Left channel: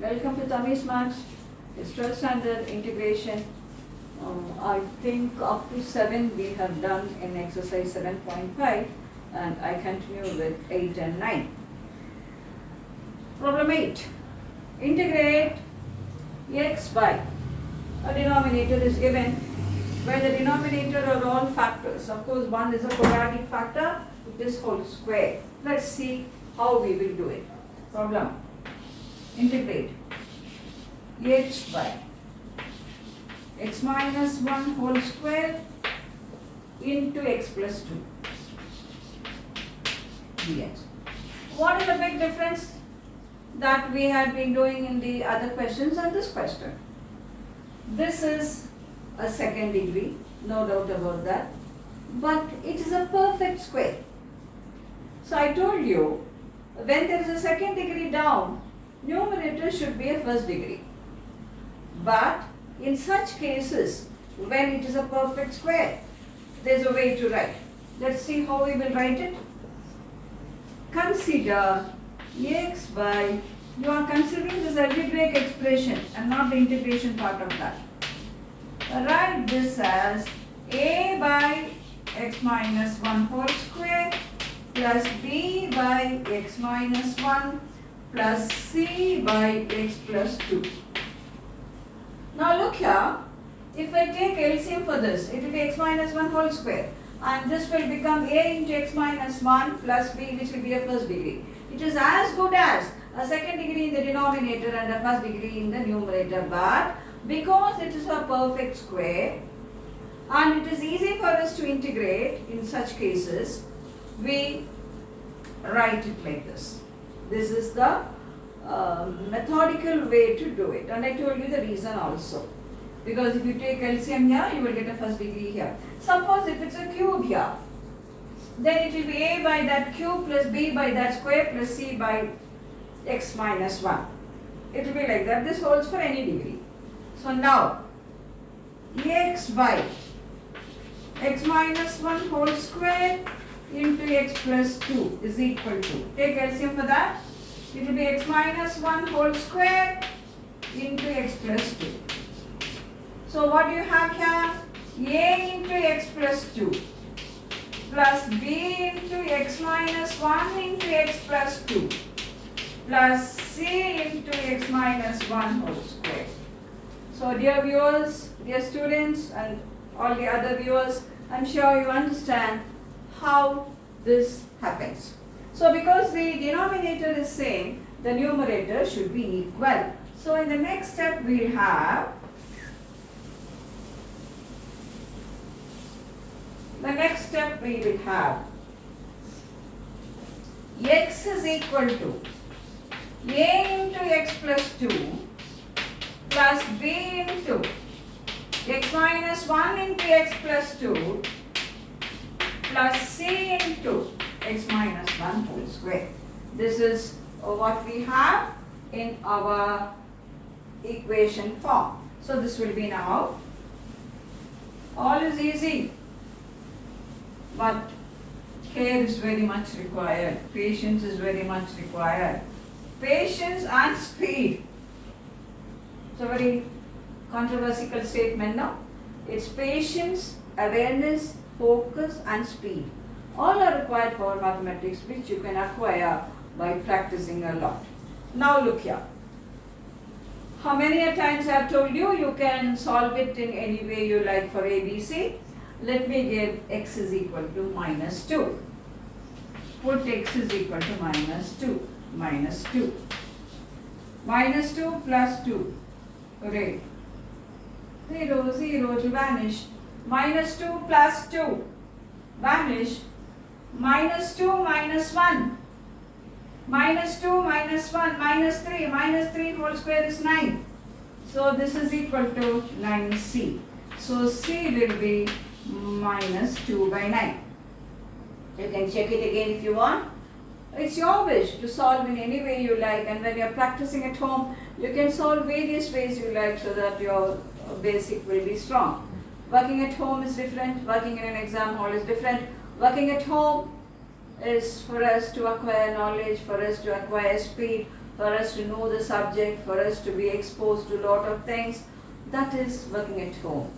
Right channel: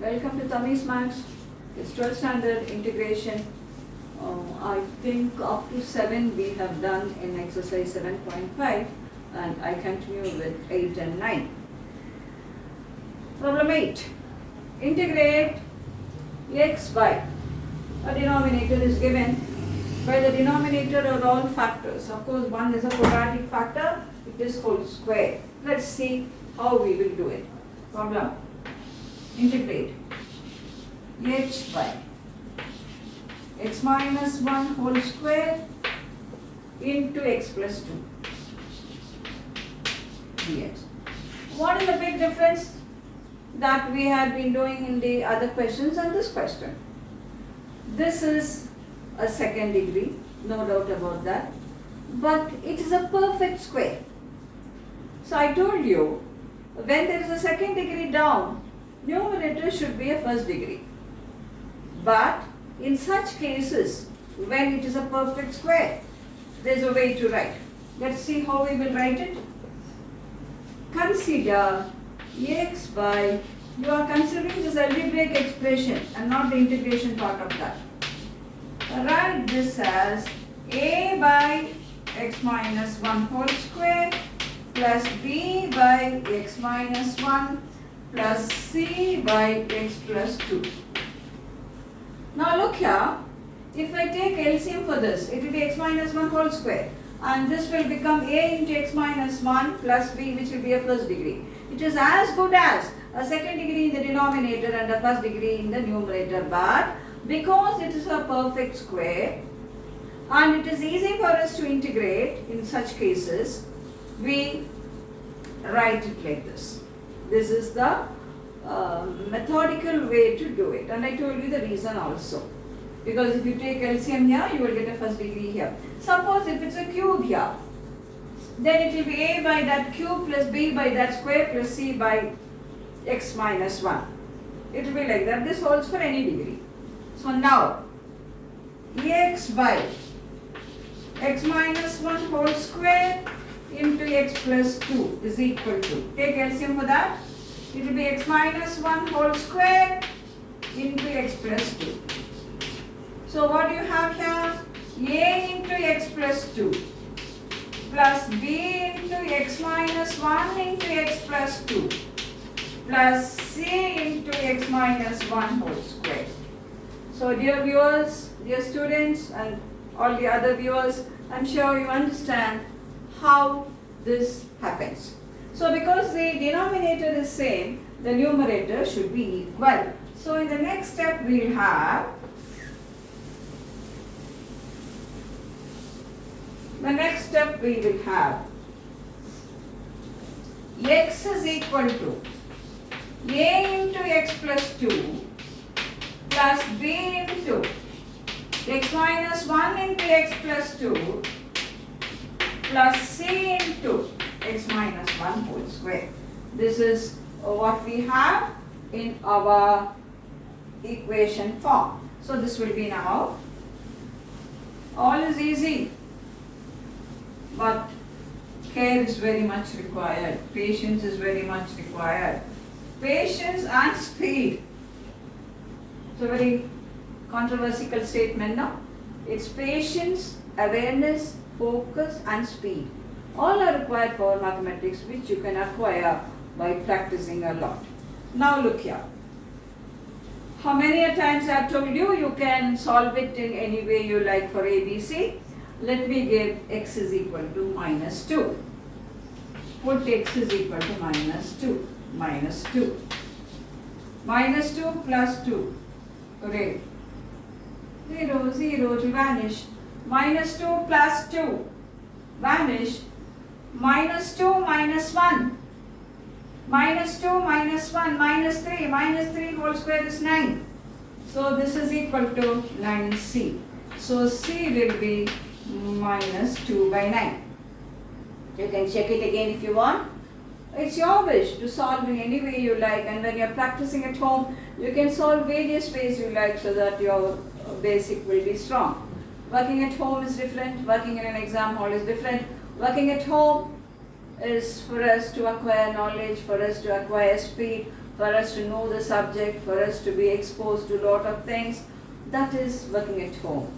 Welcome to Tammy's Maths. It's 12th standard integration. I think up to 7 we have done in exercise 7.5 and I continue with 8 and 9. Problem 8. Integrate x by a denominator is given where the denominator are all factors. Of course, one is a quadratic factor, it is whole square. Let's see how we will do it. Problem. Integrate x by x minus 1 whole square into x plus 2 dx. What is the big difference that we had been doing in the other questions and this question? This is a second degree, no doubt about that, but it is a perfect square. So I told you, when there is a second degree down, numerator should be a first degree. But in such cases, when it is a perfect square, there is a way to write. Let's see how we will write it. Consider x by, you are considering this algebraic expression and not the integration part of that. Write this as a by x minus 1 whole square plus b by x minus 1 plus c by x plus 2. Now look here, if I take LCM for this, it will be x minus 1 whole square and this will become a into x minus 1 plus b, which will be a first degree. It is as good as a second degree in the denominator and a first degree in the numerator, but because it is a perfect square and it is easy for us to integrate in such cases, we write it like this. This is the methodical way to do it, and I told you the reason also. Because if you take LCM here, you will get a first degree here. Suppose if it's a cube here, then it will be a by that cube plus b by that square plus c by x minus 1. It will be like that. This holds for any degree. So now, x by x minus 1 whole square into x plus 2 is equal to, take LCM for that, it will be x minus 1 whole square into x plus 2. So what do you have here? A into x plus 2 plus b into x minus 1 into x plus 2 plus c into x minus 1 whole square. So dear viewers, dear students and all the other viewers, I am sure you understand how this happens. So because the denominator is same, the numerator should be equal. So in the next step we will have x is equal to a into x plus 2 plus b into x minus 1 into x plus 2 plus c into x minus 1 whole square. This is what we have in our equation form. So this will be now, all is easy, but care is very much required, patience is very much required. Patience and speed. It's a very controversial statement now. It's patience, awareness, focus and speed. All are required for mathematics, which you can acquire by practicing a lot. Now look here. How many times I have told you, you can solve it in any way you like for ABC. Let me give x is equal to minus 2. Put x is equal to minus 2. Minus 2. Minus 2 plus 2. Hooray. 0, 0 to vanish. Minus 2 plus 2. Vanish. Minus 2 minus 1. Minus 2 minus 1. Minus 3. Minus 3 whole square is 9. So this is equal to 9c. So c will be minus 2 by 9. You can check it again if you want. It's your wish to solve in any way you like, and when you are practicing at home, you can solve various ways you like so that your basic will be strong. Working at home is different, working in an exam hall is different. Working at home is for us to acquire knowledge, for us to acquire speed, for us to know the subject, for us to be exposed to a lot of things. That is working at home.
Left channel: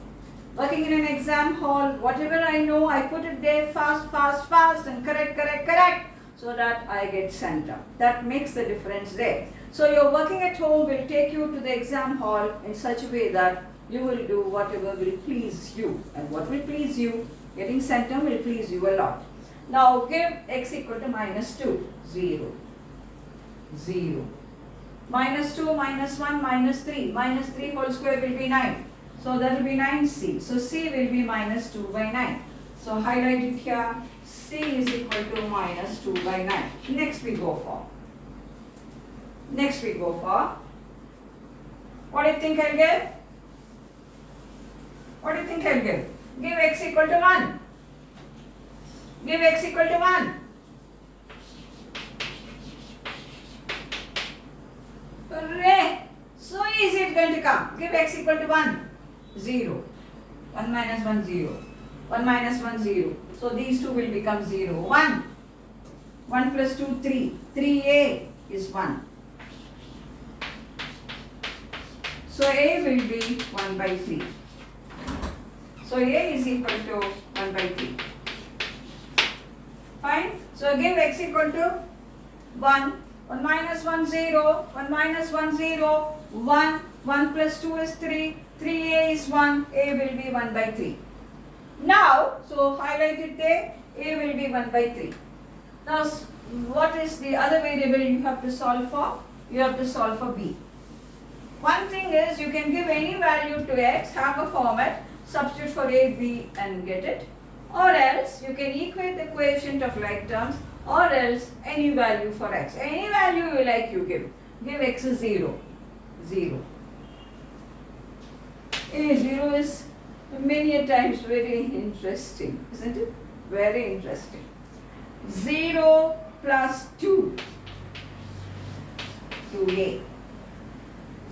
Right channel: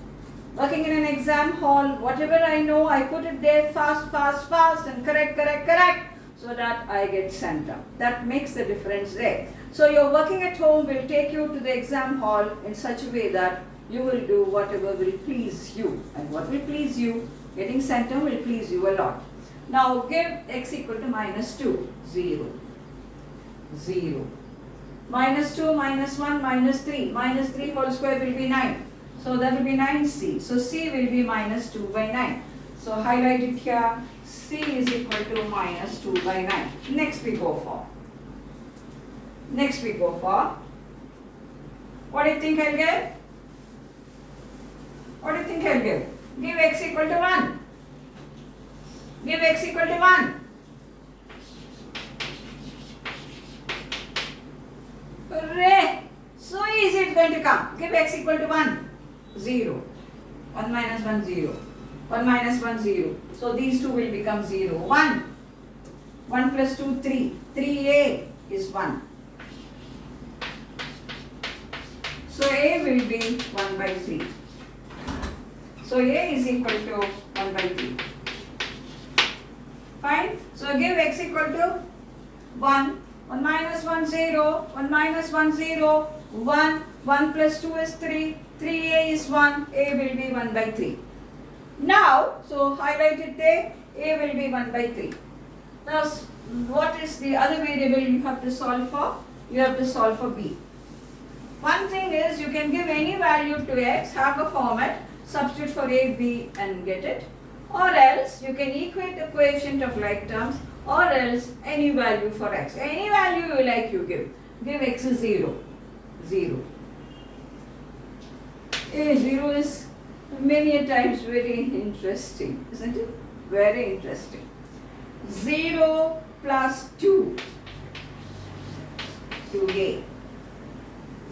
Working in an exam hall, whatever I know, I put it there fast and correct so that I get sent up. That makes the difference there. So your working at home will take you to the exam hall in such a way that you will do whatever will please you. And what will please you, getting sent up will please you a lot. Now give x equal to minus 2, 0, 0. Minus 2, minus 1, minus 3. Minus 3 whole square will be 9. So that will be 9c. So c will be minus 2 by 9. So highlight it here. C is equal to minus 2 by 9. Next we go for. What do you think I'll get? What do you think I'll give? Give x equal to 1. Give x equal to 1. Hooray! So easy it's going to come. Give x equal to 1. 0. 1 minus 1, 0. 1 minus 1, 0. So these two will become 0. 1. 1 plus 2, 3. 3a is 1. So a will be 1 by 3. So a is equal to 1 by 3. Fine. So give x equal to 1. 1 minus 1, 0. 1 minus 1, 0. 1. 1 plus 2 is 3. 3a is 1. A will be 1 by 3. Now, so highlight it there. A will be 1 by 3. Now, what is the other variable you have to solve for? You have to solve for b. One thing is you can give any value to x, have a format, substitute for a, b and get it. Or else you can equate the coefficient of like terms, or else any value for x. Any value you like you give. Give x is 0. 0. 0 is many a times very interesting, isn't it? Very interesting. 0 plus 2, 2a.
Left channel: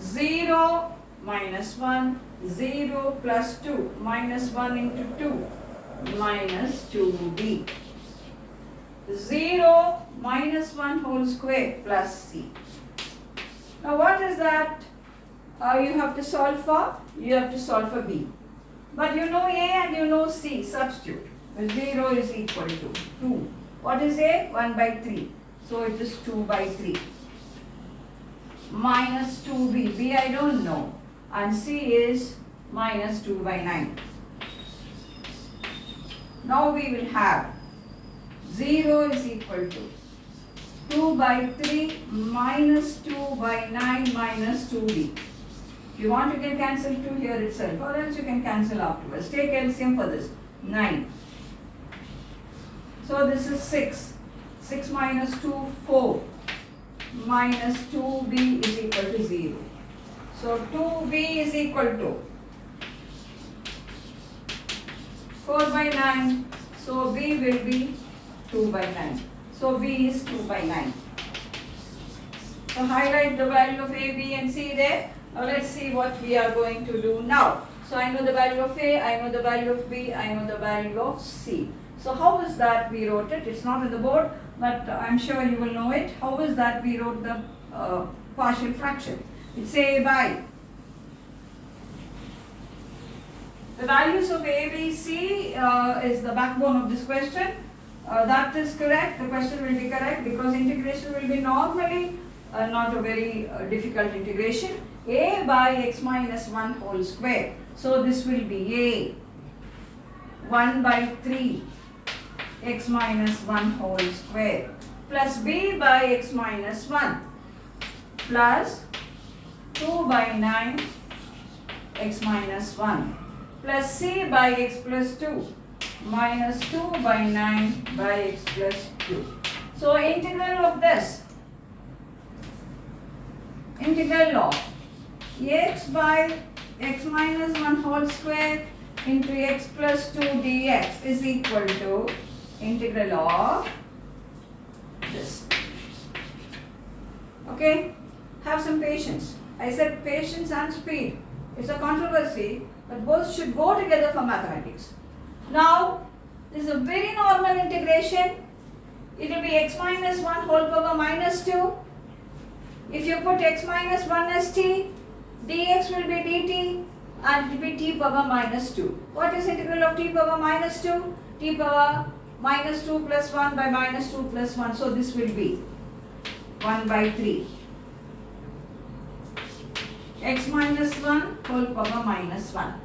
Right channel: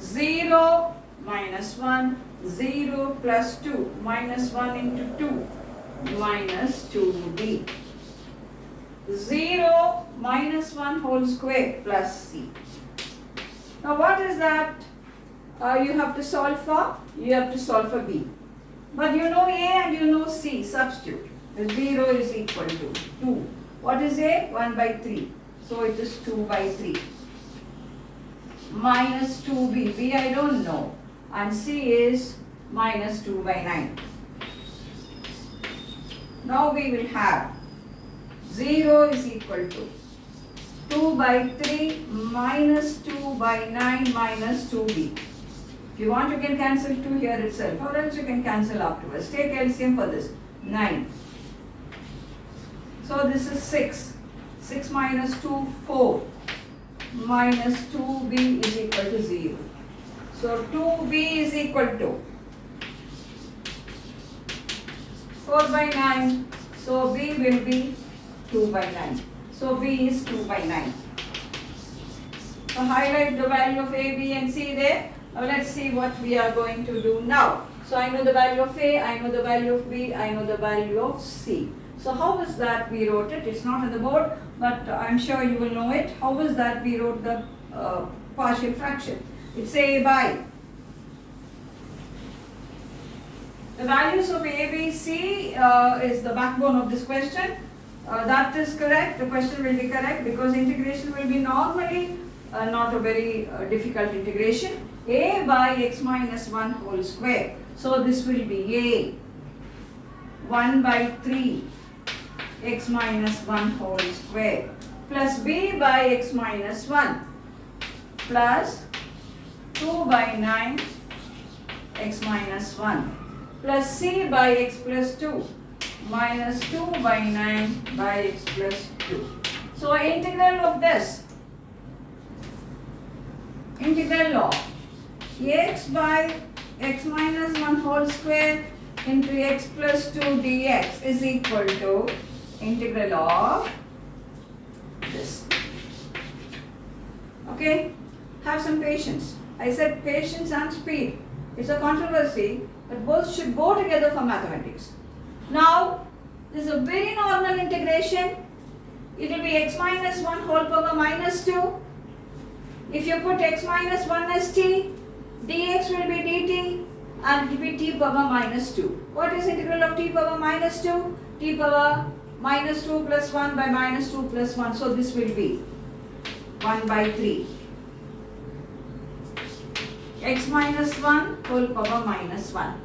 0 minus 1, 0 plus 2, minus 1 into 2, minus 2b. 0 minus 1 whole square plus c. Now what is that you have to solve for? You have to solve for b. But you know a and you know c, substitute. 0 is equal to 2. What is a? 1 by 3. So it is 2 by 3. Minus 2b. b I don't know. And c is minus 2 by 9. Now we will have 0 is equal to 2 by 3 minus 2 by 9 minus 2b. If you want you can cancel 2 here itself, or else you can cancel afterwards. Take LCM for this. 9. So this is 6. 6 minus 2, 4. Minus 2b is equal to 0. So 2b is equal to 4 by 9. So b will be 2 by 9. So b is 2 by 9. So highlight the value of a, b and c there. Now let's see what we are going to do now. So I know the value of a, I know the value of b, I know the value of c. So how is that we wrote it? It's not on the board, but I'm sure you will know it. How is that we wrote the partial fraction? It's a by. The values of a, b, c is the backbone of this question. That is correct. The question will be correct because integration will be normally not a very difficult integration. A by x minus 1 whole square. So this will be a 1 by 3 x minus 1 whole square plus b by x minus 1 plus 2 by 9 x minus 1 plus c by x plus 2 minus 2 by 9 by x plus 2. So integral of this, integral of x by x minus 1 whole square into x plus 2 dx is equal to integral of this. Okay, have some patience. I said patience and speed. It's a controversy, but both should go together for mathematics. Now, this is a very normal integration. It will be x minus 1 whole power minus 2 If you put x minus 1 as t, dx will be dt and it will be t power minus 2. What is integral of t power minus 2? T power minus 2 plus 1 by minus 2 plus 1. So this will be 1 by 3. X minus 1 whole power minus 1.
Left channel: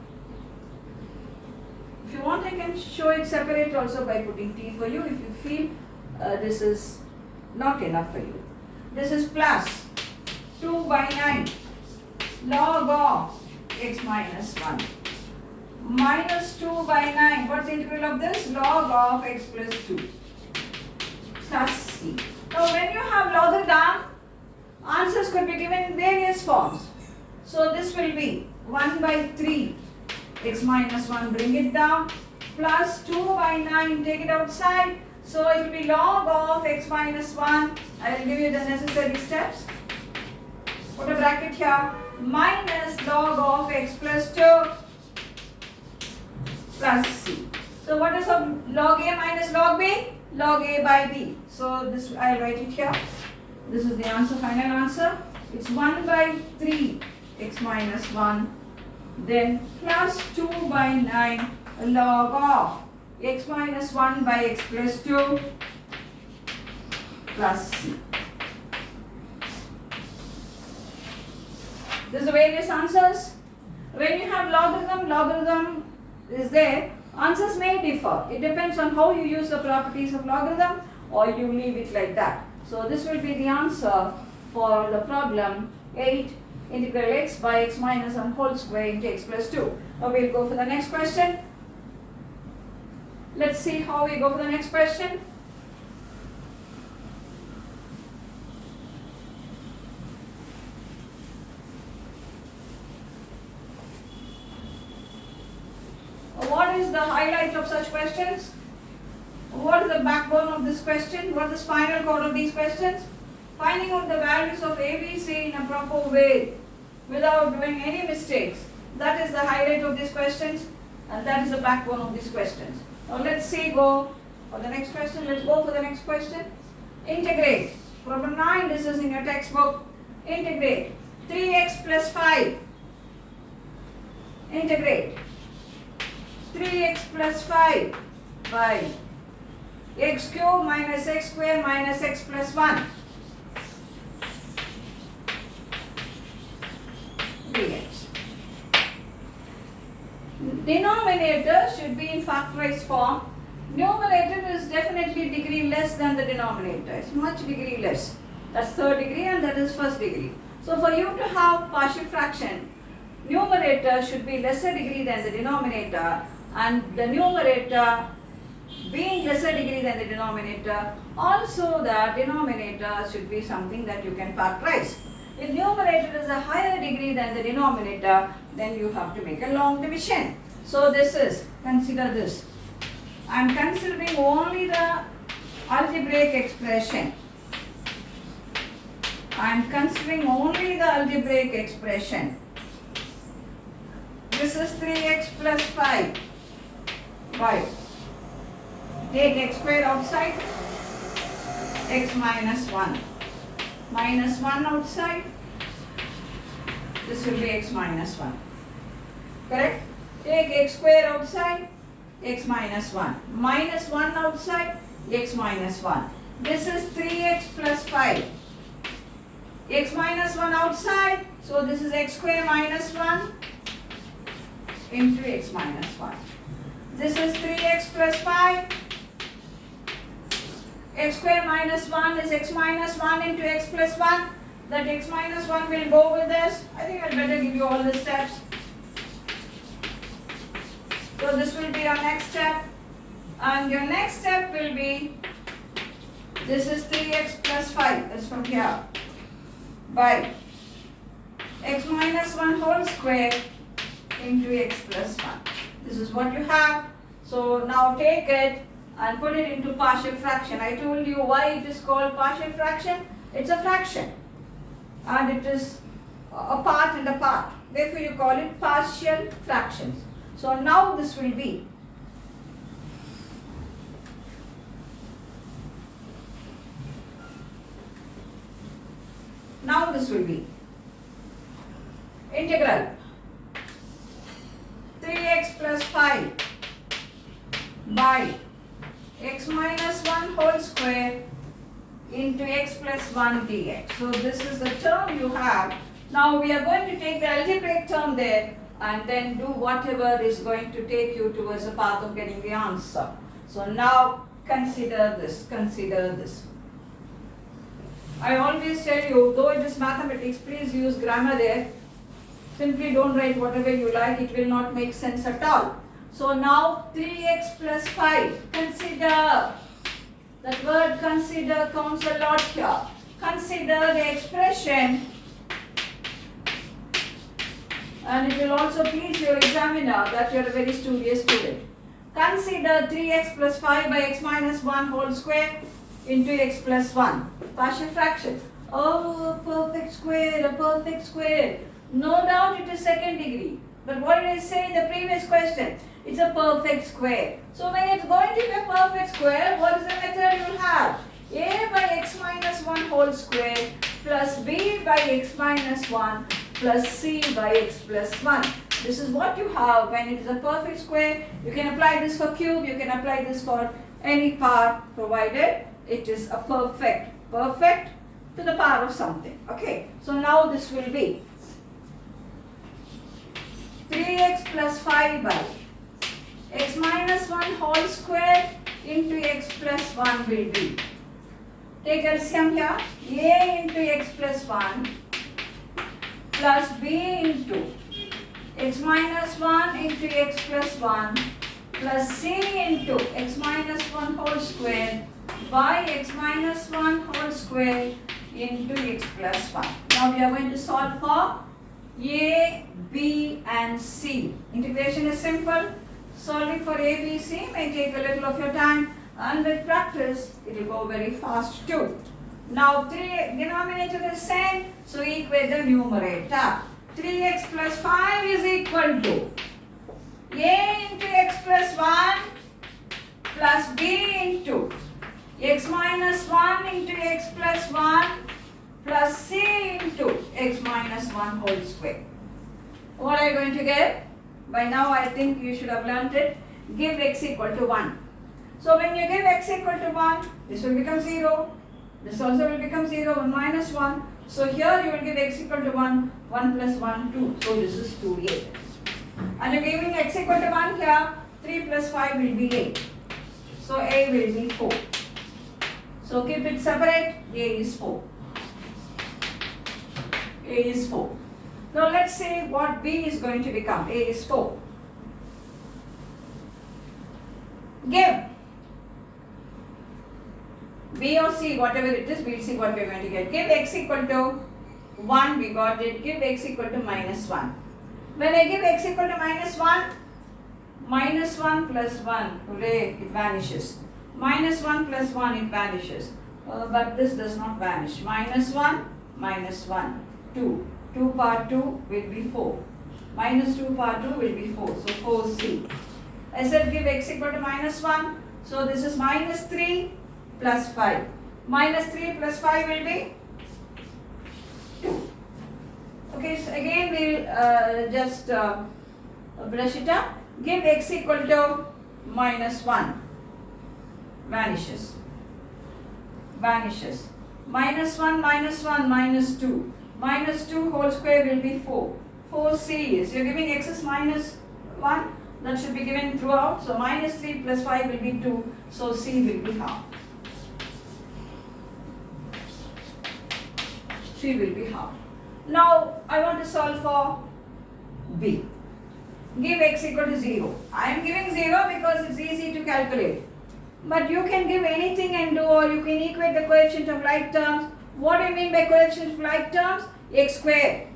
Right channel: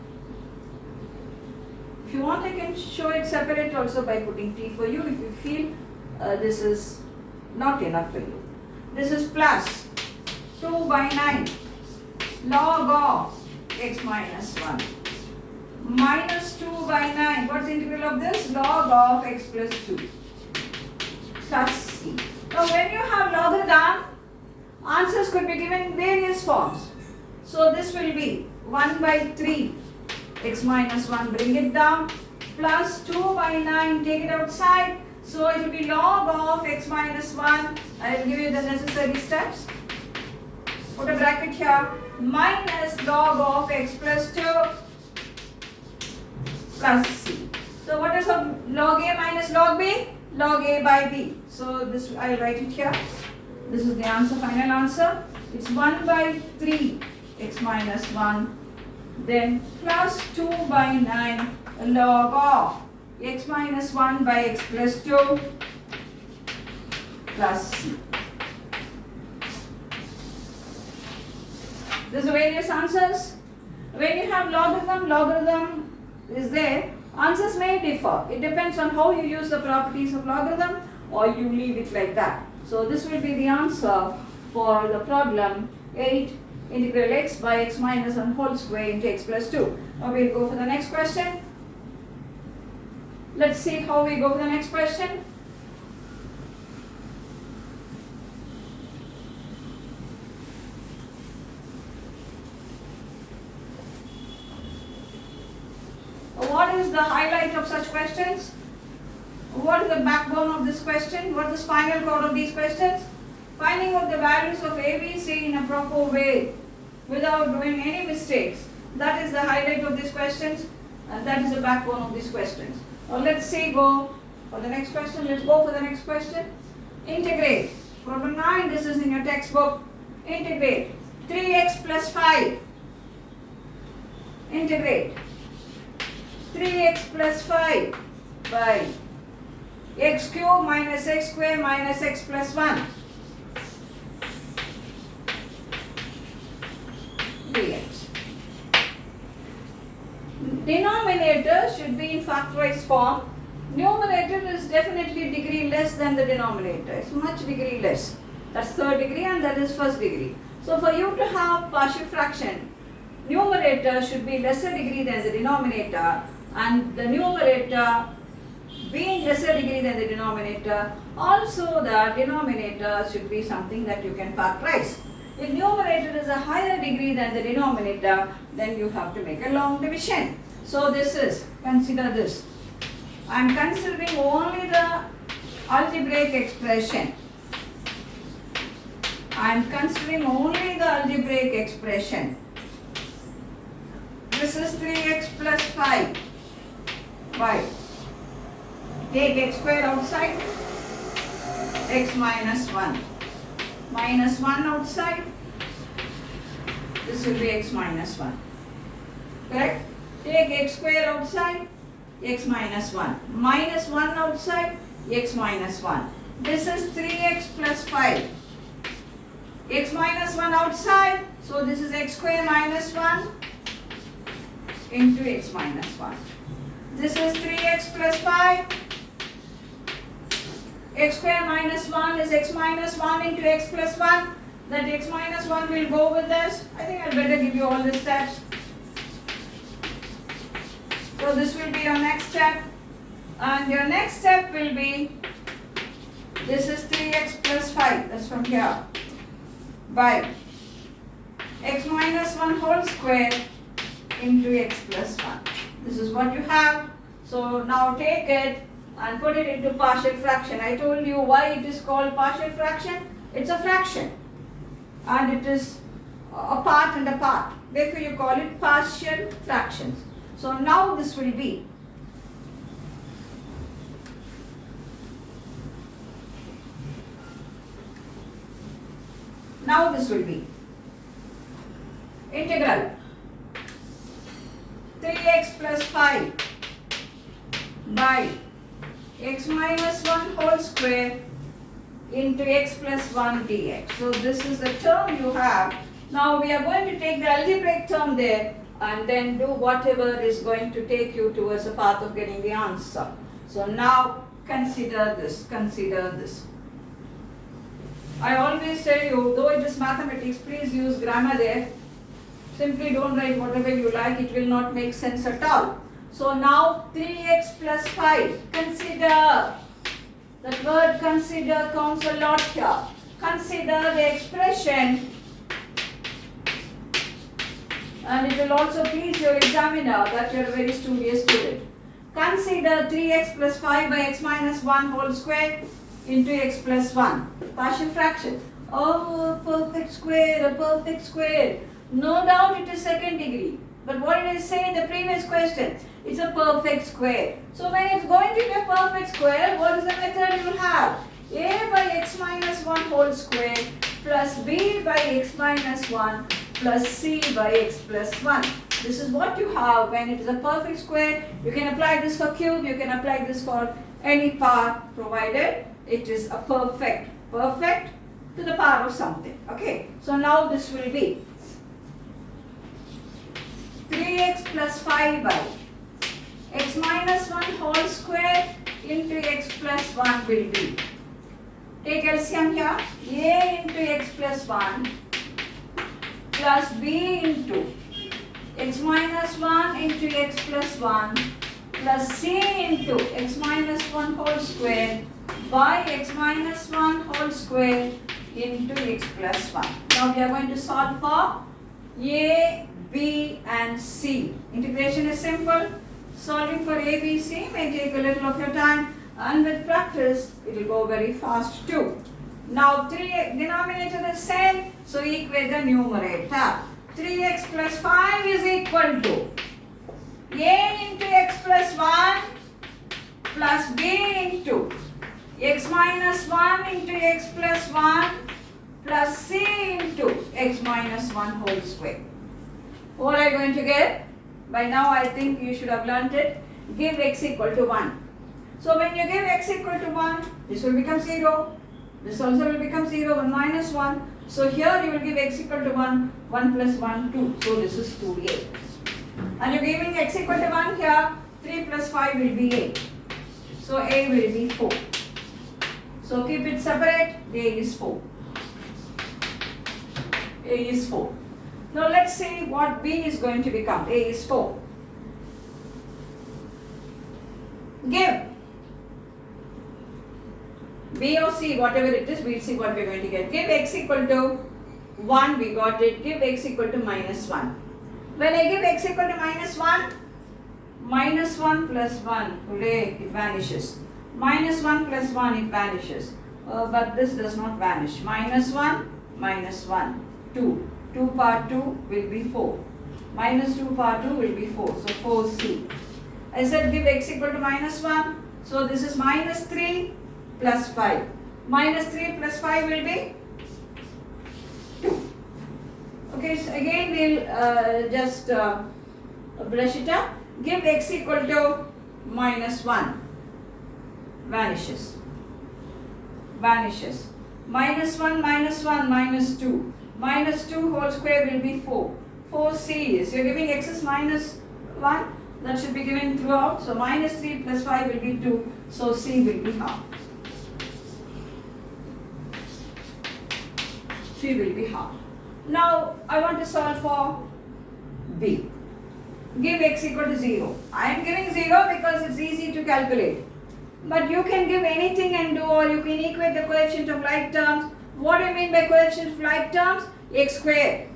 If you want, I can show it separate also by putting t for you if you feel this is not enough for you. This is plus 2 by 9 log of x minus 1 minus 2 by 9. What's the integral of this? Log of x plus 2 plus c. Now when you have logarithm, answers could be given in various forms. So this will be 1 by 3 x minus 1, bring it down, plus 2 by 9, take it outside. So it will be log of x minus 1. I will give you the necessary steps. Put a bracket here, minus log of x plus 2 plus c. So what is log a minus log b? Log a by b. So this I will write it here. This is the answer, final answer. It's 1 by 3 x minus 1, then plus 2 by 9 log of x minus 1 by x plus 2 plus c. These are various answers. When you have logarithm is there, answers may differ. It depends on how you use the properties of logarithm or you leave it like that. So this will be the answer for the problem 8, integral x by x minus 1 whole square into x plus 2. Now we'll go for the next question. Let's see how we go for the next question. What is the highlight of such questions? What is the backbone of this question? What is the spinal cord of these questions? Finding out the values of A, B, C in a proper way without doing any mistakes. That is the highlight of these questions and that is the backbone of these questions. Now let's see, go for the next question. Let's go for the next question. Integrate. Problem 9, this is in your textbook. Integrate 3x plus 5. Integrate 3x plus 5 by x cube minus x square minus x plus 1 dx. Denominator should be in factorized form. Numerator is definitely degree less than the denominator. It's much degree less. That's third degree and that is first degree. So for you to have partial fraction, numerator should be lesser degree than the denominator, and the numerator being lesser degree than the denominator, also the denominator should be something that you can factorize. If numerator is a higher degree than the denominator, then you have to make a long division. So this is, consider this. I am considering only the algebraic expression. I am considering only the algebraic expression. This is 3x plus 5 by, take x square outside, x minus 1. Minus 1 outside, this will be x minus 1. Correct? Take x square outside, x minus 1. Minus 1 outside, x minus 1. This is 3x plus 5. X minus 1 outside, so this is x square minus 1 into x minus 1. This is 3x plus 5. X square minus 1 is x minus 1 into x plus 1. That x minus 1 will go with this. I think I'd better give you all the steps. So this will be your next step. And your next step will be, this is 3x plus 5. That's from here. By x minus 1 whole square into x plus 1. This is what you have. So now take it and put it into partial fraction. I told you why it is called partial fraction. It's a fraction and it is a part and a part. Therefore you call it partial fractions. So now this will be Now this will be integral 3x plus 5 by x minus 1 whole square into x plus 1 dx. So this is the term you have. Now we are going to take the algebraic term there and then do whatever is going to take you towards the path of getting the answer. So now consider this, consider this. I always tell you, though it is mathematics, please use grammar there. Simply don't write whatever you like, it will not make sense at all. So now 3x plus 5, consider. That word consider counts a lot here. Consider the expression, and it will also please your examiner that you are a very studious student. Consider 3x plus 5 by x minus 1 whole square into x plus 1. Partial fraction. Oh, perfect square, a perfect square. No doubt it is second degree. But what did I say in the previous question? It's a perfect square. So when it's going to be a perfect square, what is the method you will have? A by x minus 1 whole square plus b by x minus 1 plus c by x plus 1. This is what you have when it is a perfect square. You can apply this for cube, you can apply this for any part provided it is a perfect to the power of something. Okay, so now this will be 3x plus 5 by x minus 1 whole square into x plus 1 will be. Take LCM here. A into x plus 1 plus b into x minus 1 into x plus 1 plus c into x minus 1 whole square by x minus 1 whole square into x plus 1. Now we are going to solve for a, b and c. Integration is simple. Solving for a, b, c may take a little of your time, and with practice it will go very fast too. Now denominator is same, so equate the numerator. 3x plus 5 is equal to a into x plus 1 plus b into x minus 1 into x plus 1 plus c into x minus 1 whole square. What are you going to get? By now I think you should have learnt it. Give x equal to 1. So when you give x equal to 1, this will become 0. This also will become 0, 1 minus 1. So here you will give x equal to 1, 1 plus 1, 2. So this is 2a. And you're giving x equal to 1 here, 3 plus 5 will be 8. So a will be 4. So keep it separate, a is 4. A is 4. Now let's see what b is going to become. A is 4. Give b or c, whatever it is, we'll see what we're going to get. Give x equal to 1, we got it. Give x equal to minus 1. When I give x equal to minus 1 plus 1, hooray, it vanishes. Minus 1 plus 1, it vanishes. But this does not vanish. Minus 1, 2. 2 power 2 will be 4. Minus 2 power 2 will be 4. So 4c. I said give x equal to minus 1. So this is minus 3 plus 5. Minus 3 plus 5 will be 2. Okay, so again we'll just brush it up. Give x equal to minus 1. Vanishes. Vanishes. Minus 1, minus 2. Minus 2 whole square will be 4. 4c is, you're giving x is minus 1. That should be given throughout. So minus 3 plus 5 will be 2. So c will be half. C will be half. Now I want to solve for b. Give x equal to 0. I am giving 0 because it's easy to calculate. But you can give anything and do, or you can equate the coefficient of like terms. What do you mean by coefficient of like terms? X square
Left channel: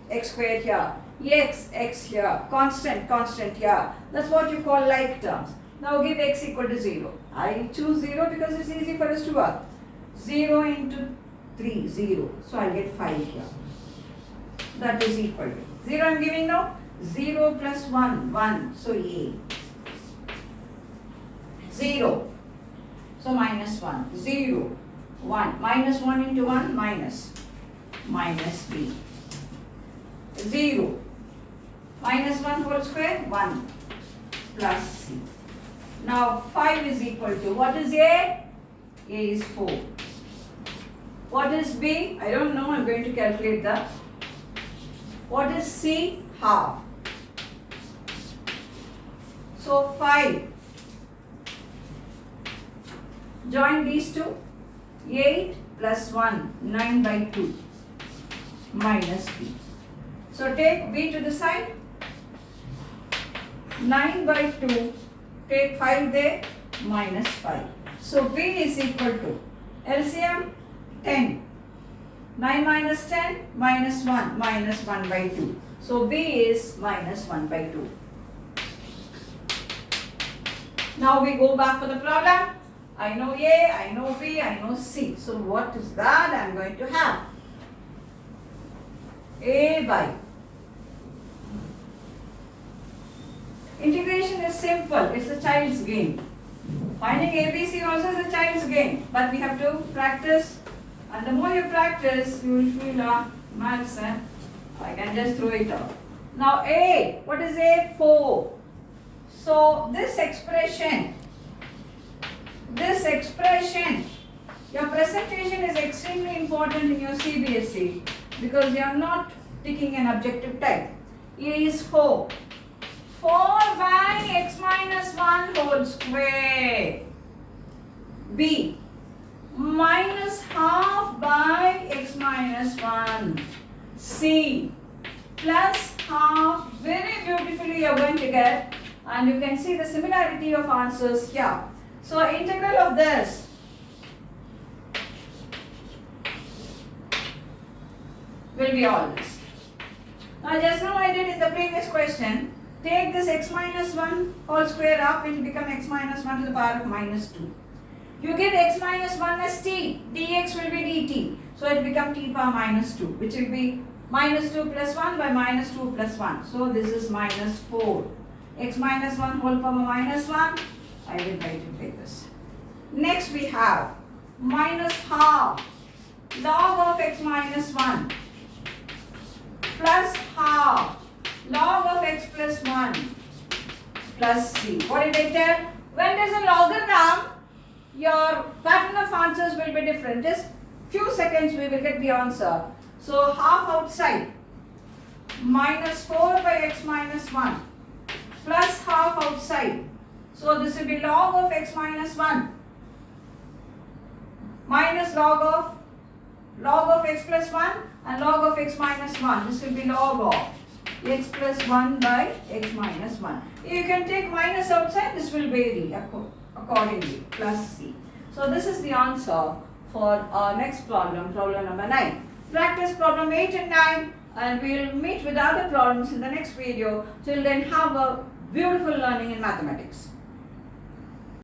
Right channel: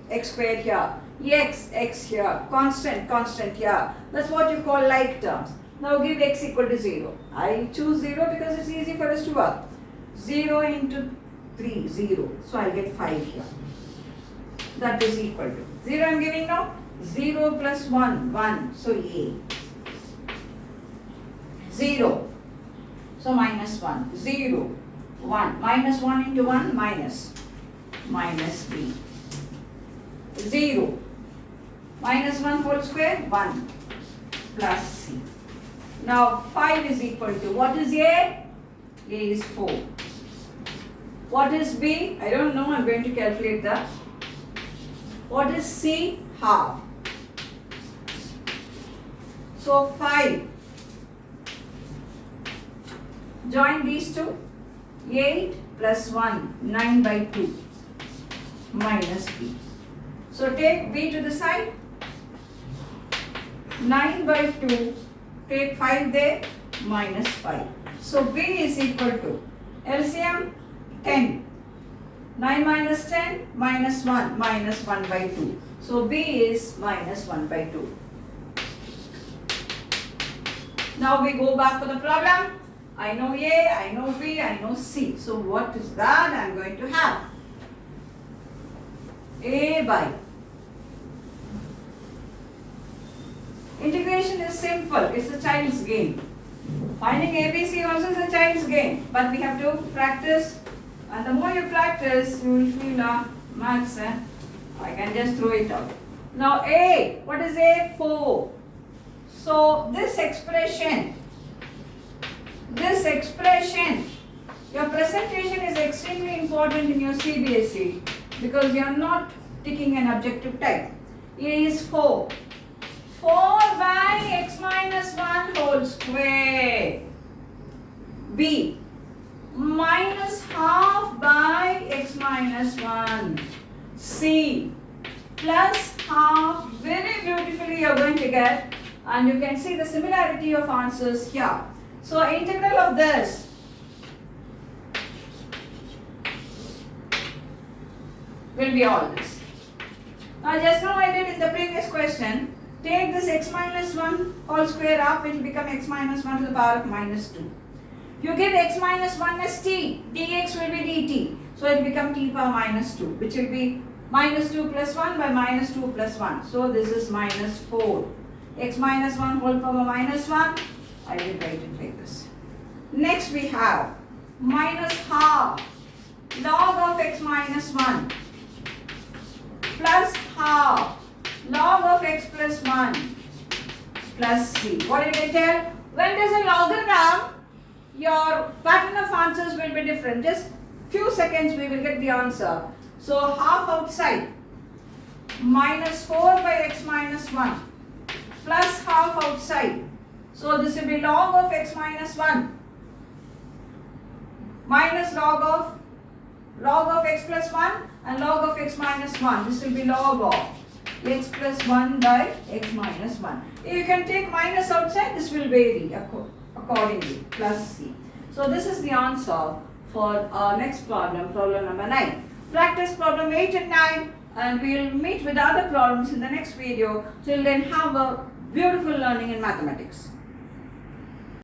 here. X here. Constant here. That's what you call like terms. Now give x equal to 0. I choose 0 because it's easy for us to work. 0 into 3, 0. So I'll get 5 here. That is equal to 0 I'm giving now. 0 plus 1, 1. So a. 0. So minus 1. 0. 1. Minus 1 into 1, minus. minus b. 0. Minus 1 whole square, 1 plus c. Now 5 is equal to, what is A? A is 4. What is B? I don't know, I'm going to calculate that. What is C? Half. So 5. Join these two. 8 plus 1, 9 by 2 minus B. So take B to the side. 9 by 2, take 5 there, minus 5. So B is equal to LCM 10. 9 minus 10, minus 1, minus 1 by 2. So B is minus 1 by 2. Now we go back to the problem. I know A, I know B, I know C. So what is that I am going to have? A by. Integration is simple. It's a child's game. Finding ABC also is a child's game. But we have to practice. And the more you practice, you will feel maths. I can just throw it out. Now A. What is A? 4. So this expression, your presentation is extremely important in your CBSE because you are not taking an objective type. A is 4. 4 by x minus 1 whole square. B. Minus half by x minus 1. C. Plus half. Very beautifully you are going to get. And you can see the similarity of answers here. So integral of this will be all this. Now just now I did in the previous question, take this x minus 1 whole square up, it will become x minus 1 to the power of minus 2. You get x minus 1 as t, dx will be dt. So it will become t power minus 2, which will be minus 2 plus 1 by minus 2 plus 1. So this is minus 4. X minus 1 whole power minus 1. I will write it like this. Next we have minus half log of x minus 1 plus half log of x plus 1 plus c. What did I tell? When there is a logarithm, your pattern of answers will be different. Just few seconds we will get the answer. So half outside minus 4 by x minus 1 plus half outside. So this will be log of x minus 1 minus log of x plus 1 and log of x minus 1. This will be log of x plus 1 by x minus 1. You can take minus outside, this will vary accordingly, plus c. So this is the answer for our next problem, problem number 9. Practice problem 8 and 9 and we will meet with other problems in the next video. Till then, have a beautiful learning in mathematics.